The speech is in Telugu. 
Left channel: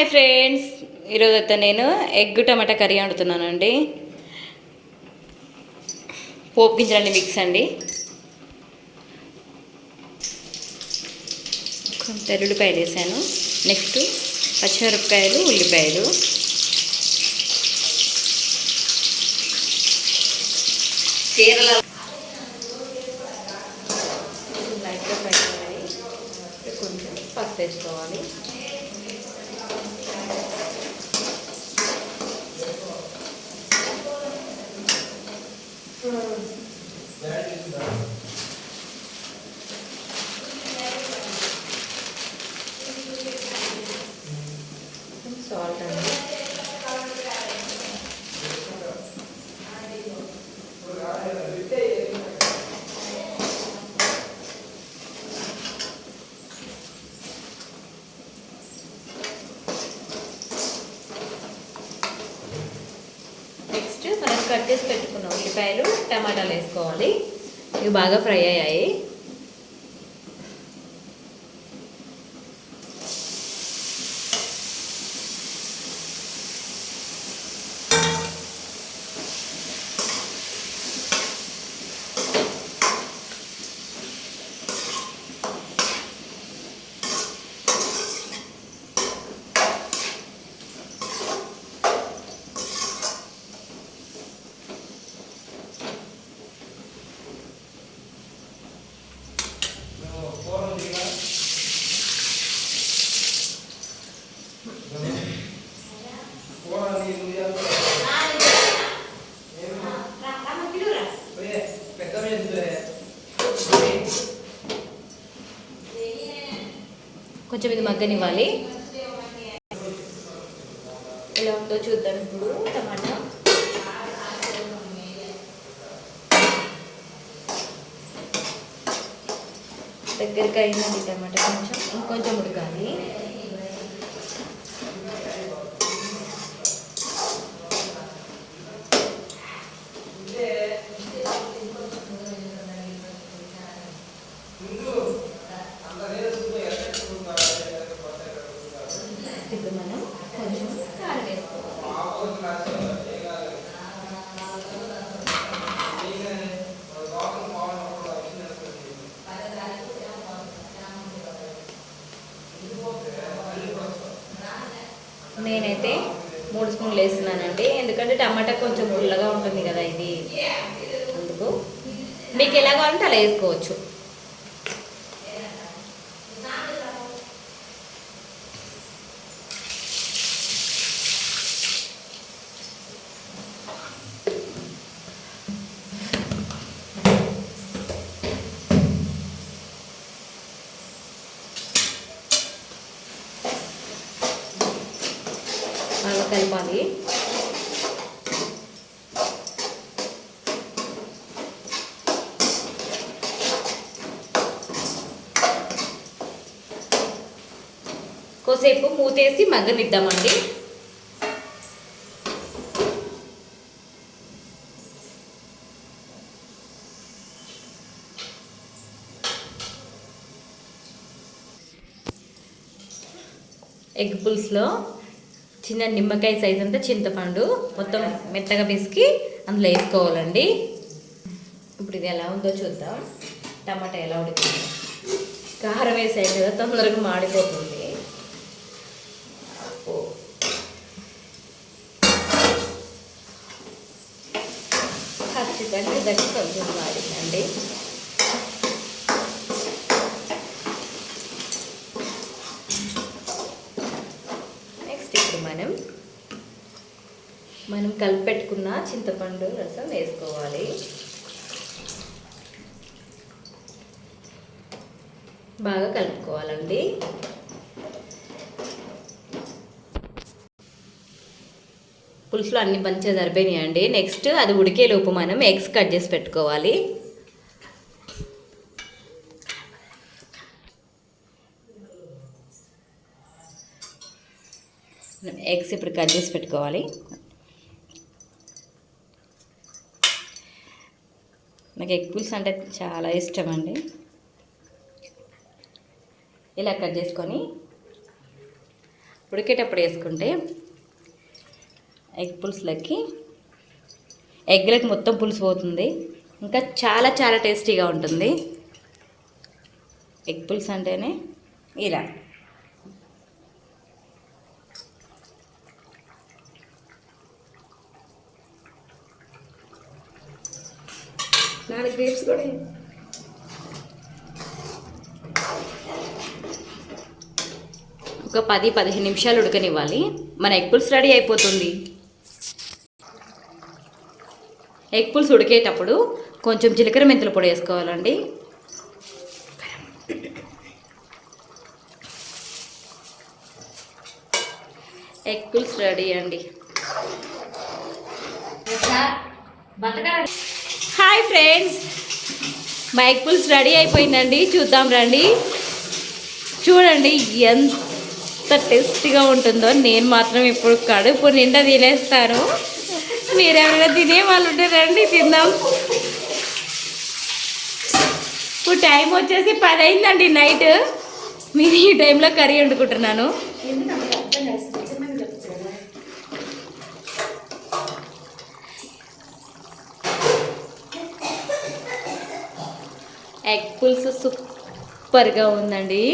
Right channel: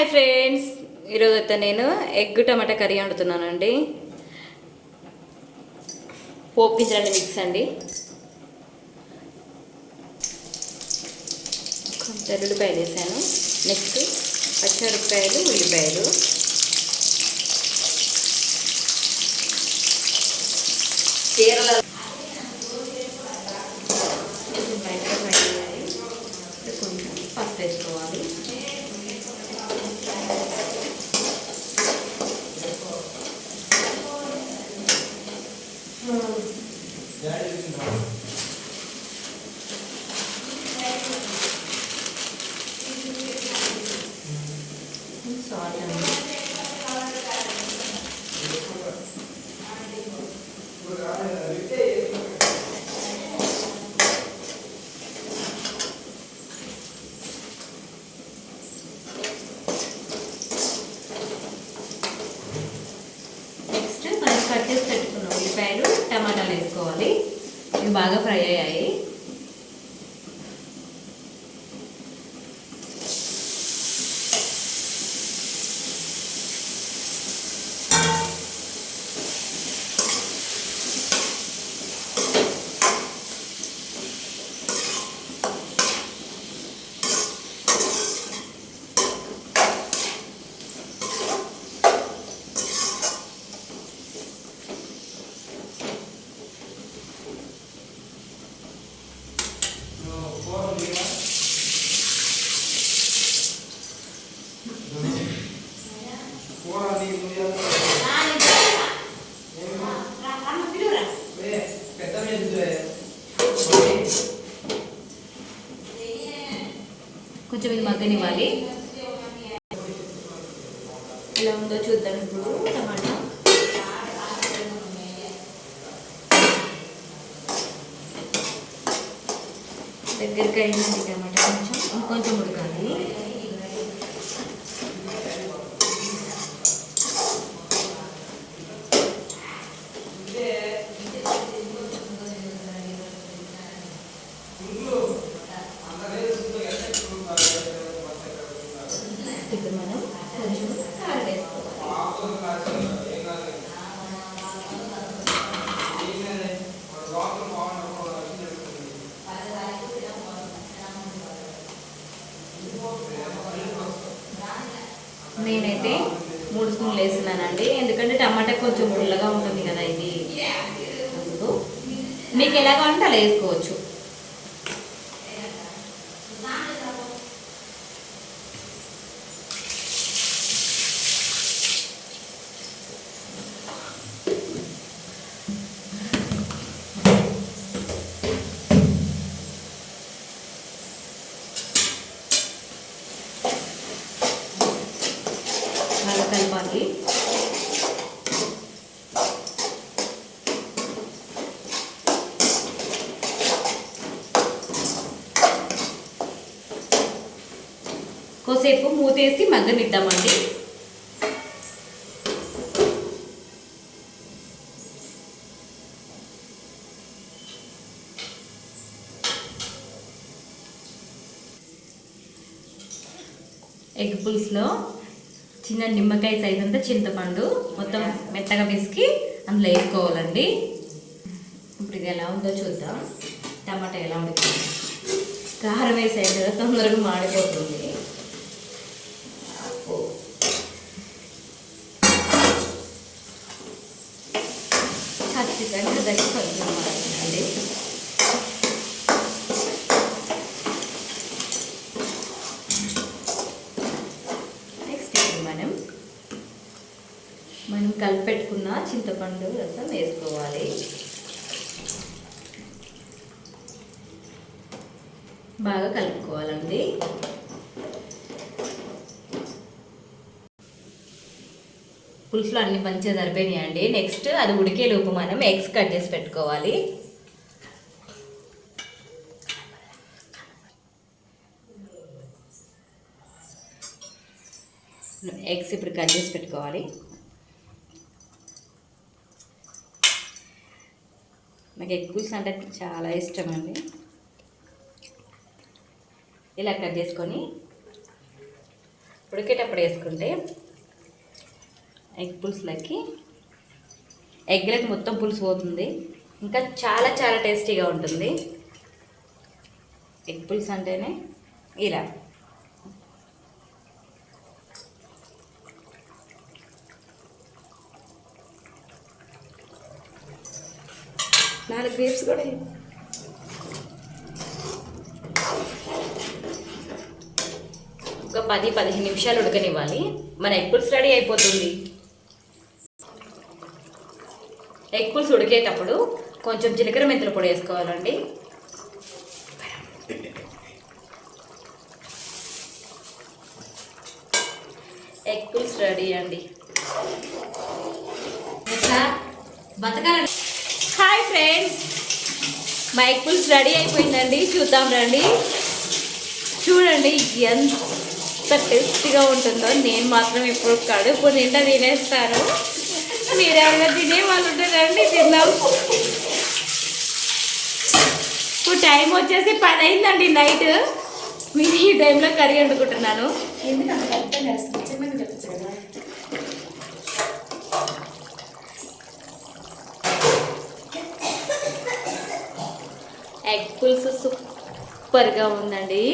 హాయ్ ఫ్రెండ్స్, ఈరోజు అయితే నేను ఎగ్ టమాటా కర్రీ వండుతున్నానండి. పోపు గింజలన్నీ మిక్స్ అండి. కొంచెం ఉల్లిపాయలు వేసాను. నెక్స్ట్ పచ్చిమిరపకాయలు, ఉల్లిపాయలు, కేరళ కొంచెం పసుపు వేసుకోవాలి. సాల్ట్ అండి. నెక్స్ట్ మనం కట్ చేసి పెట్టుకున్న ఉల్లిపాయలు, టమాటాలు వేసుకోవాలి. ఇవి బాగా ఫ్రై అయ్యాయి. కొంచెం ఇది మగ్గనివ్వాలి. ఎలా ఉందో చూద్దాం. ఇప్పుడు టమాటా దగ్గరికి అయిందండి. టమాటా ఇంకొంచెం ఉడకాలి. ఇప్పుడు మనం కొంచెం కారం వేసుకోవాలి. నేనైతే 3 స్పూన్లు వేస్తున్నానండి, ఎందుకంటే టమాటా కొంచెం పుల్లగా ఉంటుంది కదా ఇది. అందుకు మీకు ఎలా కావాలంటే అలా వేసుకోవచ్చు. బాగా కలపాలి. కోసేపు మూతేసి మగ్గనిద్దామండి. ఎగ్ పులుసులో చిన్న నిమ్మకాయ సైజ్ అంతా చింతపండు మొత్తం మెత్తగా పిసికి అందులో వేసుకోవాలండి. ఇప్పుడు ఇది ఎలా ఉందో చూద్దాం. టమాటా ఎలా ఉడికింది. కారం వేసేది కదా, తొందరగా మాడిపోతుంది. ఖచ్చితంగా దగ్గర కొంచెం మాడిందండి. మనం కలిపెట్టుకున్న చింతపండు రసం వేసుకోవాలి. బాగా కలుపుకోవాలండి. పులుసులో అన్ని మంచిగా సరిపోయినాయండి. నెక్స్ట్ అది ఉడికేలోపు మనం ఎగ్స్ కట్ చేసి పెట్టుకోవాలి. ఎగ్స్ ఇప్పుడు కట్ చేసి పెట్టుకోవాలి. నాకు ఎగ్ పులుసు అంటే చాలా ఇష్టం అండి. ఇలా కట్ చేసుకొని ఉడికేటప్పుడు వేసుకుంటే ఎగ్ పులుసులకి ఎగ్లకి మొత్తం పులుసు పోతుంది, ఇంకా చాలా చాలా టేస్టీగా ఉంటుంది. ఎగ్ పులుసు అంటేనే ఇలా. నాలుగు గ్రేప్స్ కూడా ఒక 10-15 నిమిషాలు ఉడకనివ్వాలి. మన ఎగ్ పులుసు రెడీ అయిపోతుంది. ఎగ్ పులుసు ఉడికేటప్పుడు కొంచెం జీలకర్ర మెంతుల పొడి వేసుకోవాలండి. ఎగ్ పులుసు రెడీ అండి. హాయ్ ఫ్రెండ్స్, మా ఎగ్ పులుసు రెడీ అయిపోయిందండి. చూద్దాం రండి. చూడండి ఎంత టేస్టీగా ఉంటుందో. నేను మాత్రం ఇప్పుడు కడుపు నిండా తినేస్తాను. మీరు ఎవరైనా తినే వాళ్ళు ఉంటే రండి తిందాం. ఇప్పుడు టైం వచ్చేసి 10 అయిందండి నైట్. నేను ఈ టైంలో కర్రీ వండుకుంటున్నాను. ఎగ్ పులుసు సూపర్గా ఉందండి.